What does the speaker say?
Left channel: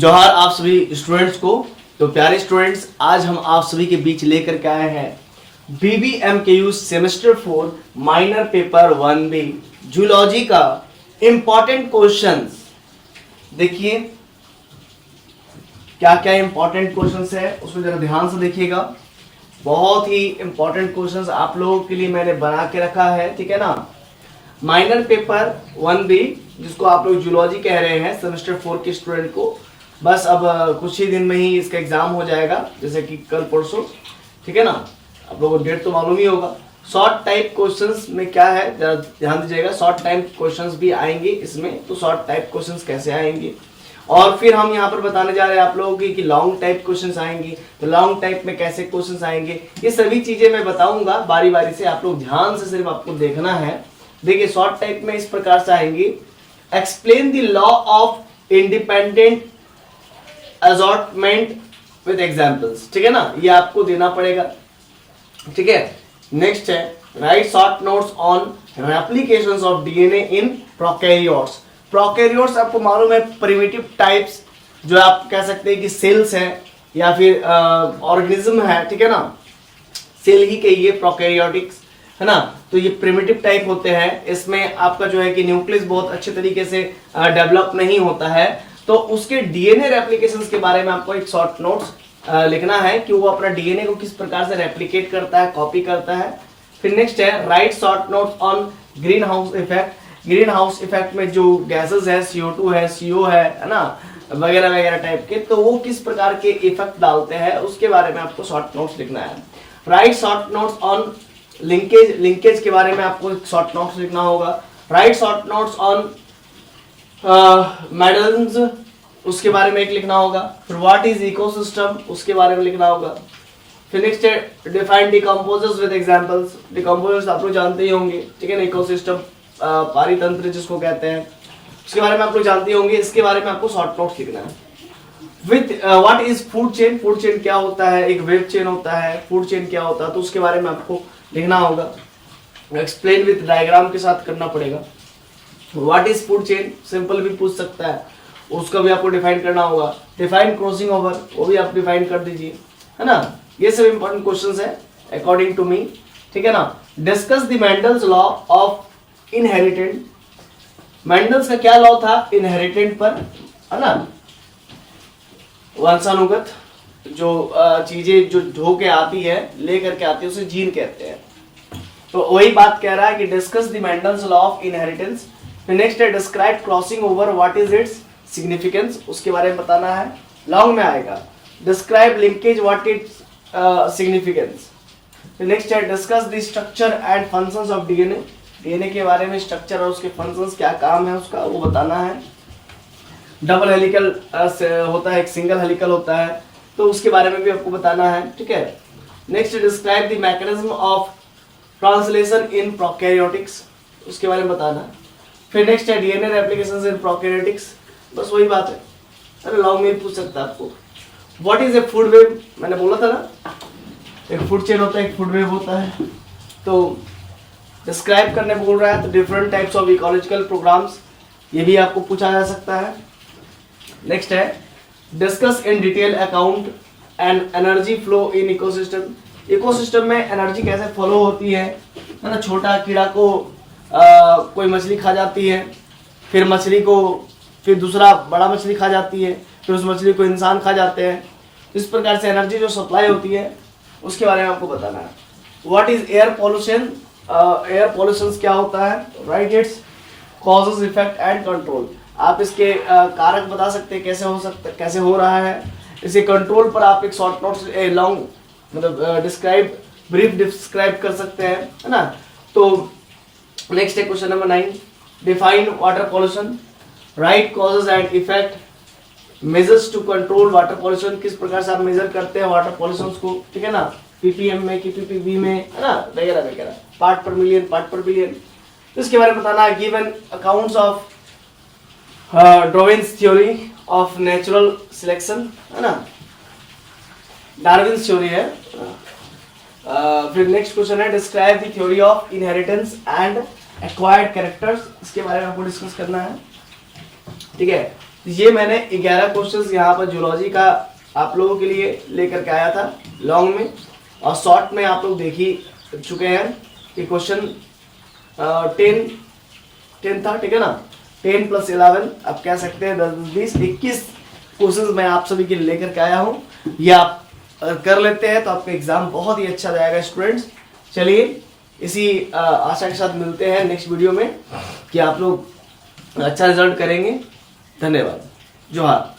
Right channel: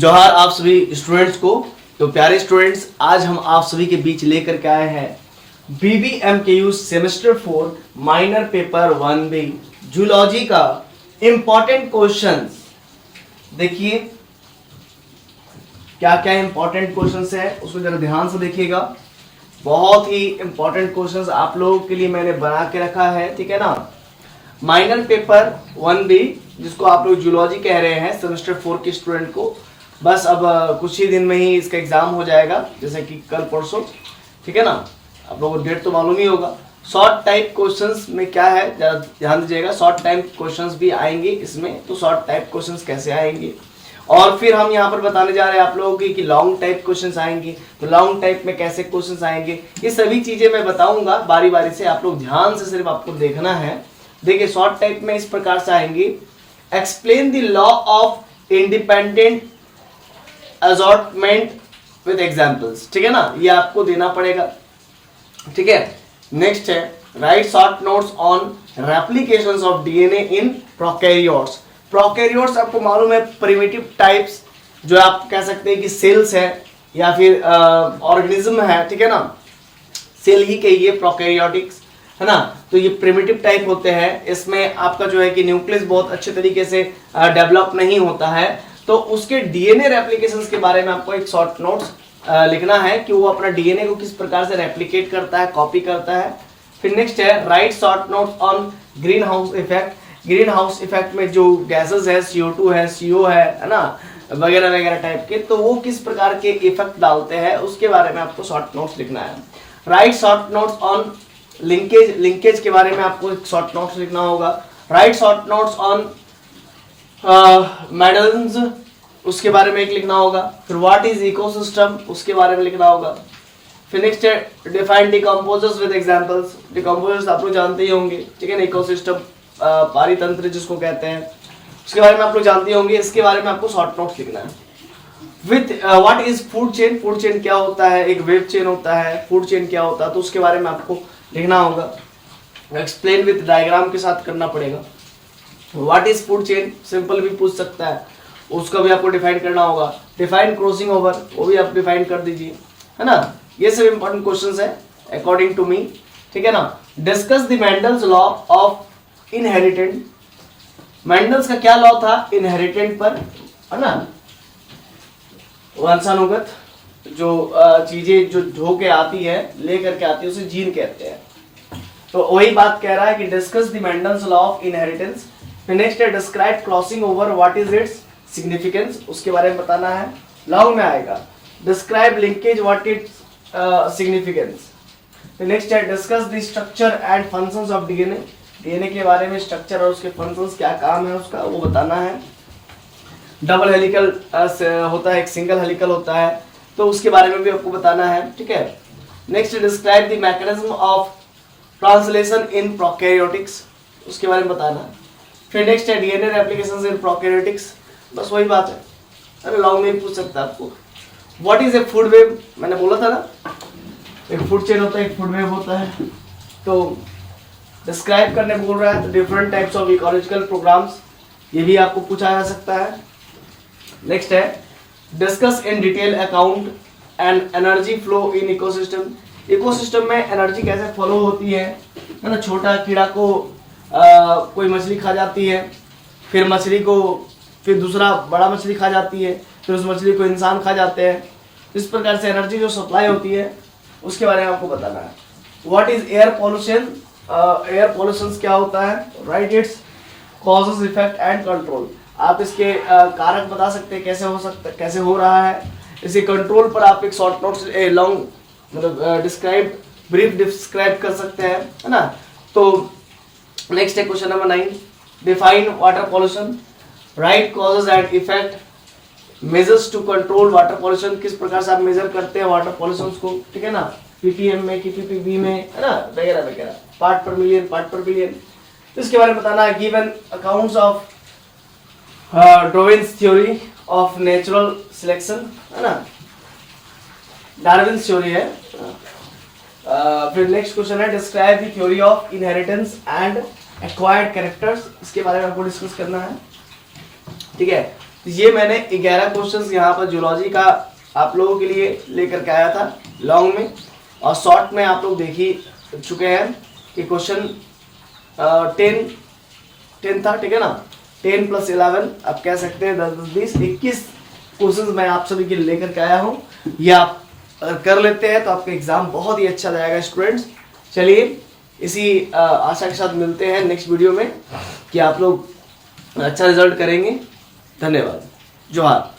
जोहार आप सभी स्टूडेंट्स को। तो प्यारे स्टूडेंट्स, आज हम आप सभी के बीच लेकर के आए हैं BBMKU semester 4 minor paper 1B zoology का इंपॉर्टेंट क्वेश्चंस। देखिए क्या क्या इंपॉर्टेंट क्वेश्चंस है, उसको जरा ध्यान से देखिएगा। बहुत ही इंपॉर्टेंट क्वेश्चंस आप लोगों के लिए मैंने बना के रखा है, ठीक है ना। माइनर पेपर 1B जिसको आप लोग जूलॉजी कह रहे हैं सेमेस्टर 4 के स्टूडेंट को, बस अब कुछ ही दिन में ही इसका एग्जाम हो जाएगा, जैसे कि कल परसों, ठीक है ना। आप लोगों को डेट तो मालूम ही होगा। शॉर्ट टाइप क्वेश्चंस में क्या है जरा ध्यान दीजिएगा। शॉर्ट टाइप क्वेश्चंस भी आएंगे इसमें, तो शॉर्ट टाइप क्वेश्चंस कैसे आएंगे, और फिर हम यहाँ पर बताने जा रहे हैं आप लोगों की कि लॉन्ग टाइप क्वेश्चंस आएंगे, तो लॉन्ग टाइप में कैसे क्वेश्चंस आएंगे, ये सभी चीजें मैं बताऊंगा बारी बारी से। आप लोग ध्यान से सिर्फ आपको देखना है। देखिए शॉर्ट टाइप में इस प्रकार से आएंगी। Explain the law of independent assortment with examples, ठीक है ना, ये आपको देना पड़ेगा, ठीक है। नेक्स्ट है write short notes on replications of DNA in prokaryotes. Prokaryotes आपको मालूम है प्रिमिटिव टाइप्स, जो आप कह सकते हैं कि सेल्स है या फिर ऑर्गेनिज्म है, ठीक है ना। सेल ही कहिए, प्रोकैरियोटिक्स है ना। तो ये प्रिमिटिव टाइप होते हैं। इसमें आपका जो है कि न्यूक्लियस बहुत अच्छे तरीके से डेवलप नहीं होता है, तो उसके डीएनए रेप्लिकेशंस के बारे में आपको एक शॉर्ट नोट्स लिखना है कि वो अपना डीएनए को किस प्रकार से रेप्लिकेट करता है, कॉपी करता है। फिर नेक्स्ट है write short notes on green house effect. Green house effect में जो गैसेस है, CO2 है, CO है ना, वगैरह वगैरह टाइप के, तो वो किस प्रकार के इफेक्ट डालते हैं उसके बारे में आपको शॉर्ट नोट्स लिखना है। Write short notes on linkage, linkage के बारे में आपको एक शॉर्ट नोट्स लिखना होगा। Right short notes on medals, उसके बारे में एक लिखना होगा। फिर व्हाट इज इकोसिस्टम, उसके बारे में लिखना होगा। फिर नेक्स्ट है define decomposers with examples. Decomposers आप लोग जानते ही होंगे, ठीक है ना। इकोसिस्टम पारितंत्र जिसको कहते हैं, उसके बारे में आप लोग जानते होंगे। इसके बारे में आपको शॉर्ट नोट्स लिखना है। With what is food chain, food chain क्या होता है, एक वेब चेन होता है, फूड चेन क्या होता है, तो उसके बारे में आपको लिखना होगा। एक्सप्लेन विद डायग्राम के साथ करना पड़ेगा। What is food chain simple भी पूछ सकता है, उसका भी आपको डिफाइन करना होगा। डिफाइन क्रॉसिंग ओवर, वो भी आप डिफाइन कर दीजिए, है ना। ये सब इंपॉर्टेंट क्वेश्चंस है अकॉर्डिंग टू मी, ठीक है ना। Discuss the Mendel's law of inherent. Mendel's का क्या लॉ था इनहेरिटेंट पर, है ना। वंशानुगत जो चीजें जो होके आती है, लेकर के आती है, उसे जीन कहते हैं। तो वही बात कह रहा है कि discuss the Mendel's law of inheritance. फिर नेक्स्ट है describe crossing over, what is its significance, उसके बारे में बताना है। लॉन्ग में आएगा describe linkage, what its significance. फिर नेक्स्ट है discuss the structure and functions of DNA. DNA के बारे में स्ट्रक्चर और उसके फंक्शंस, क्या काम है उसका, वो बताना है। डबल हेलिकल होता है, एक सिंगल हेलिकल होता है, तो उसके बारे में भी आपको बताना है, ठीक है। Next describe the mechanism of translation in prokaryotics, उसके बारे में बताना है। फिर नेक्स्ट है डीएनए रेप्लिकेशंस इन प्रोकैरियोटिक्स, बस वही बात है। अरे लॉन्ग में पूछ सकता है आपको। What is a food web, मैंने बोला था ना, एक फूड चेन होता है, एक फूड वेब होता है। तो डिस्क्राइब करने बोल रहा है, तो different types of ecological programs, ये भी आपको पूछा जा सकता है। नेक्स्ट है discuss in detail account and energy flow in ecosystem. Ecosystem में एनर्जी कैसे फ्लो होती है ना। छोटा कीड़ा को कोई मछली खा जाती है, फिर मछली को फिर दूसरा बड़ा मछली खा जाती है, फिर उस मछली को इंसान खा जाते हैं। इस प्रकार से एनर्जी जो सप्लाई होती है उसके बारे में आपको बताना है। What is air pollution, air pollution क्या होता है, right it's causes, effect and control. आप इसके कारक बता सकते हैं, कैसे हो सकता, कैसे हो रहा है। इसे कंट्रोल पर आप एक शॉर्ट नोट्स लॉन्ग मतलब डिस्क्राइब, ब्रीफ डिस्क्राइब कर सकते हैं, है ना। तो नेक्स्ट है question number 9, define water pollution, right causes and effect, measures to control water pollution, किस प्रकार से आप मेजर करते हैं वाटर पॉल्यूशन को, ठीक है ना। ppm में, ppb में, है ना, वगैरह वगैरह, पार्ट पर मिलियन, पार्ट पर बिलियन, इसके बारे में बताना है। Given accounts of Darwin's theory of natural selection, है ना, डार्विन्स थ्योरी है। फिर नेक्स्ट क्वेश्चन है describe the theory of inheritance and acquired characters, इसके बारे में आपको डिस्कस करना है, ठीक है। ये मैंने 11 क्वेश्चंस यहाँ पर जियोलॉजी का आप लोगों के लिए लेकर के आया था लॉन्ग में, और शॉर्ट में आप लोग देख ही चुके हैं कि क्वेश्चन 10 था, ठीक है ना। 10 + 11 आप कह सकते हैं 10 10 20 21 क्वेश्चन मैं आप सभी के लिए लेकर के आया हूँ। ये आप अगर कर लेते हैं तो आपका एग्जाम बहुत ही अच्छा जाएगा स्टूडेंट्स। चलिए इसी आशा के साथ मिलते हैं नेक्स्ट वीडियो में कि आप लोग अच्छा रिजल्ट करेंगे। धन्यवाद। जोहार।